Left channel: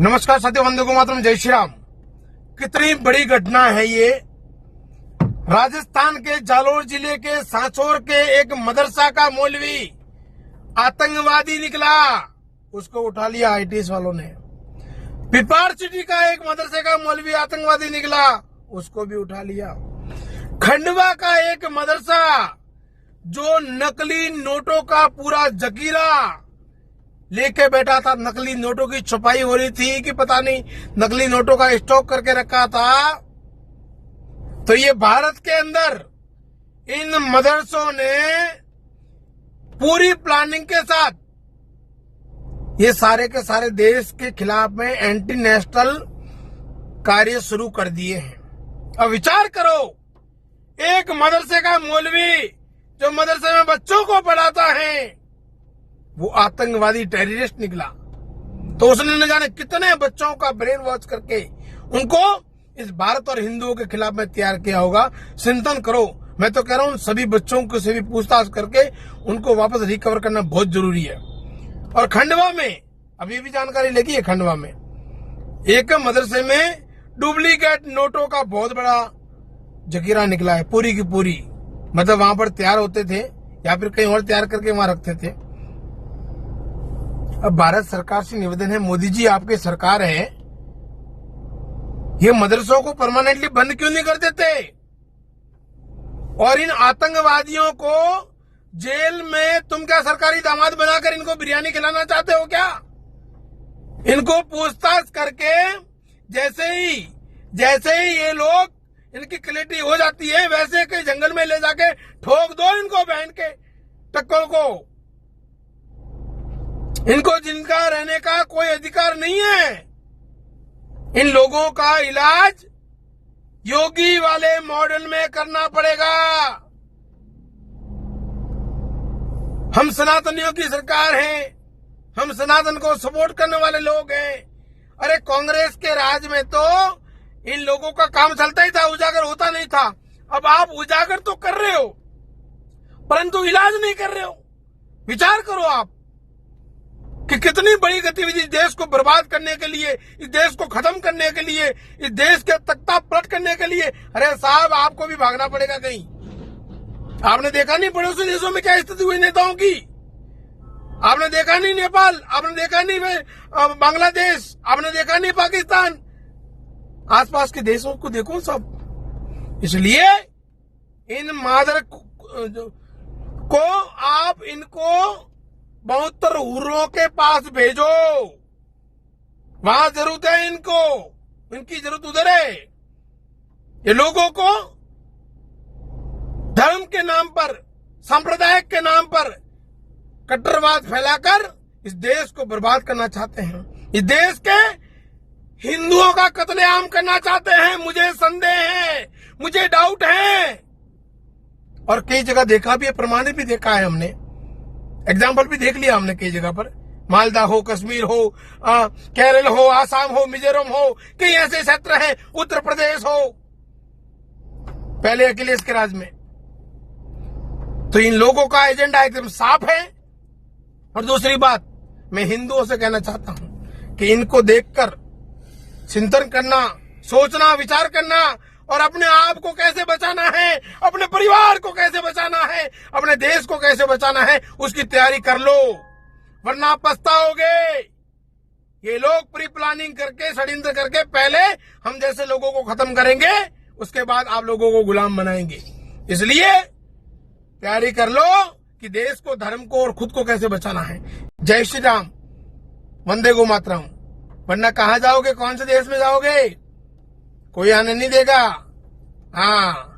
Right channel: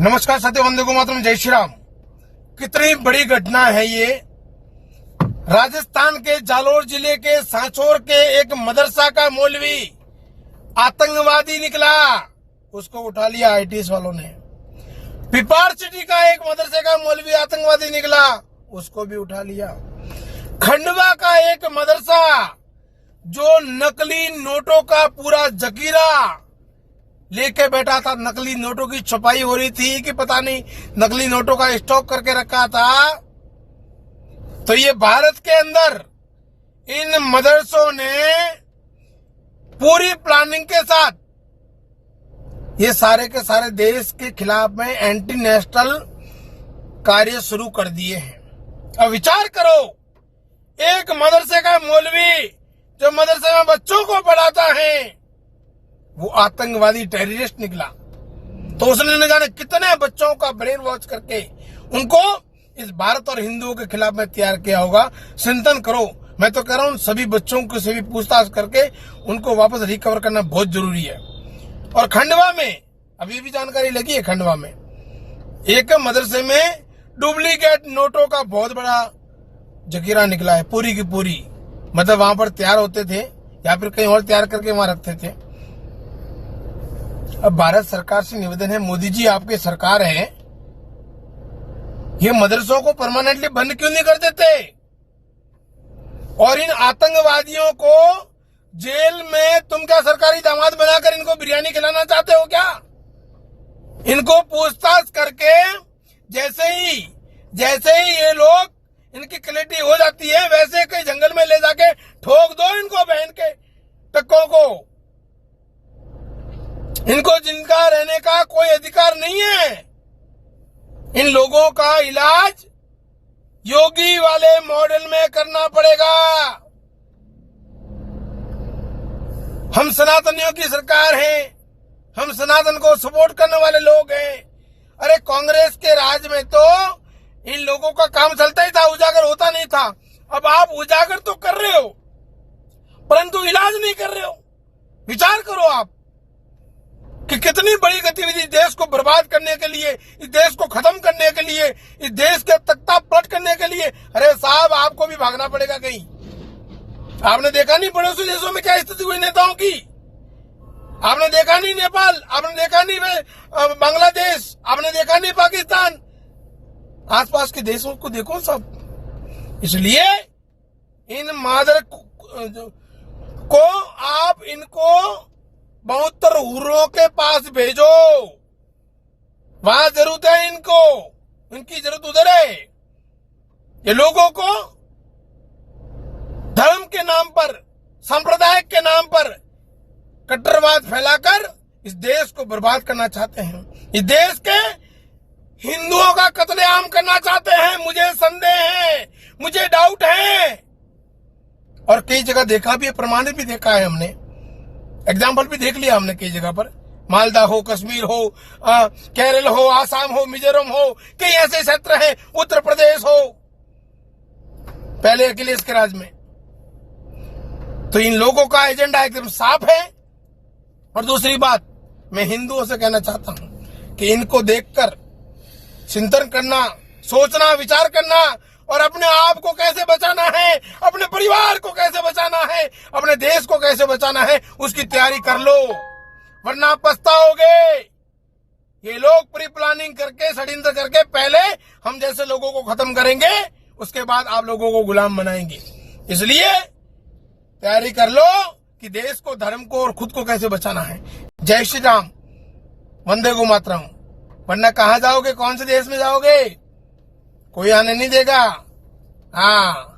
नमस्कार साथियों, वंदे मातरम, जय श्री राम। कितनी बड़ी घटना है ये। राजस्थान के जालोर जिले के सांचौर के एक मदरसा का मौलवी आतंकवादी निकला, उसको उठा लिया आईटीएस वालों ने। पिपाड़ सिटी का एक मदरसे का मौलवी आतंकवादी निकला, उसको भी उठा लिया। खंडवा का एक मदरसा जो नकली नोटों का पूरा जखीरा लेके बैठा था, नकली नोटों की छपाई हो रही थी कि पता नहीं नकली नोटों का स्टॉक करके रखा था। तो ये भारत के अंदर इन मदरसों ने पूरी प्लानिंग के साथ ये सारे के सारे देश के खिलाफ में एंटी नेशनल कार्य शुरू कर दिए हैं। अब विचार करो, एक मदरसे का मौलवी जो मदरसे में बच्चों को पढ़ाता है वो आतंकवादी टेररिस्ट निकला। तो उसने न जाने कितने बच्चों का ब्रेन वॉश करके उनको इस भारत और हिंदुओं के खिलाफ में तैयार किया होगा। चिंतन करो। मैं तो कह रहा हूं सभी बच्चों को से भी पूछताछ करके उनको वापस रिकवर करना बहुत जरूरी है। और खंडवा में अभी भी जानकारी लगी है, खंडवा में एक मदरसे में डुप्लीकेट नोटों का बहुत बड़ा जखीरा निकला है, पूरी की पूरी। मतलब वहां पर तैयार होते थे या फिर कहीं और तैयार करके वहां रखते थे। अब भारत सरकार से निवेदन है, मोदी जी आपकी सरकार है, ये मदरसों को परमानेंटली बंद क्यों नहीं कर देते और इन आतंकवादियों को जेल में तुम क्या सरकारी दामाद बनाकर इनको बिरयानी खिलाना चाहते हो क्या? इनको पूछताछ करके जैसे ही ये लोग इनकी क्लैरिटी हो जाती है वैसे कहीं जंगल में ले जाके ठोक दो इनको, बहन के टक्कों को। इनको जिनका रहने का कोई अधिकार नहीं है। इन लोगों का इलाज योगी वाले मॉडल में करना पड़ेगा। हम सनातनियों की सरकार है, हम सनातन को सपोर्ट करने वाले लोग हैं। अरे कांग्रेस के राज में तो इन लोगों का काम चलता ही था, उजागर होता नहीं था। अब आप उजागर तो कर रहे हो परंतु इलाज नहीं कर रहे हो। विचार करो आप कि कितनी बड़ी गतिविधि देश को बर्बाद करने के लिए, इस देश को खत्म करने के लिए, इस देश के तख्ता पलट करने के लिए। अरे साहब, आपको भी भागना पड़ेगा कहीं। आपने देखा नहीं पड़ोसी देशों में क्या स्थिति हुई नेताओं की? आपने देखा नहीं नेपाल, आपने देखा नहीं बांग्लादेश, आपने देखा नहीं पाकिस्तान, आसपास के देशों को देखो सब। इसलिए इन मादर को आप इनको 72 हुर्रों के पास भेजो, वहां जरूरत है इनको, इनकी जरूरत उधर है। ये लोगों को धर्म के नाम पर, सांप्रदायिक के नाम पर कट्टरवाद फैलाकर इस देश को बर्बाद करना चाहते हैं। इस देश के हिंदुओं का कत्लेआम करना चाहते हैं। मुझे संदेह है, मुझे डाउट है और कई जगह देखा भी है, प्रमाणित भी देखा है हमने, एग्जाम्पल भी देख लिया हमने कई जगह पर। मालदा हो, कश्मीर हो, केरल हो, आसाम हो, मिजोरम हो, कई ऐसे क्षेत्र हैं, उत्तर प्रदेश हो, पहले अखिलेश के राज में। तो इन लोगों का एजेंडा एकदम साफ है। और दूसरी बात, मैं हिंदुओं से कहना चाहता हूं कि इनको देखकर चिंतन करना, सोचना, विचार करना और अपने आप को कैसे बचाना है, अपने परिवार को कैसे बचाना है, अपने देश को कैसे बचाना है, उसकी तैयारी कर लो, वरना पछताओगे। ये लोग प्री प्लानिंग करके, षड्यंत्र करके पहले हम जैसे लोगों को खत्म करेंगे, उसके बाद आप लोगों को गुलाम बनाएंगे। इसलिए तैयारी कर लो कि देश को, धर्म को और खुद को कैसे बचाना है। जय श्री राम, वंदे मातरम। वरना कहां जाओगे, कौन से देश में जाओगे? कोई आने नहीं देगा। हाँ।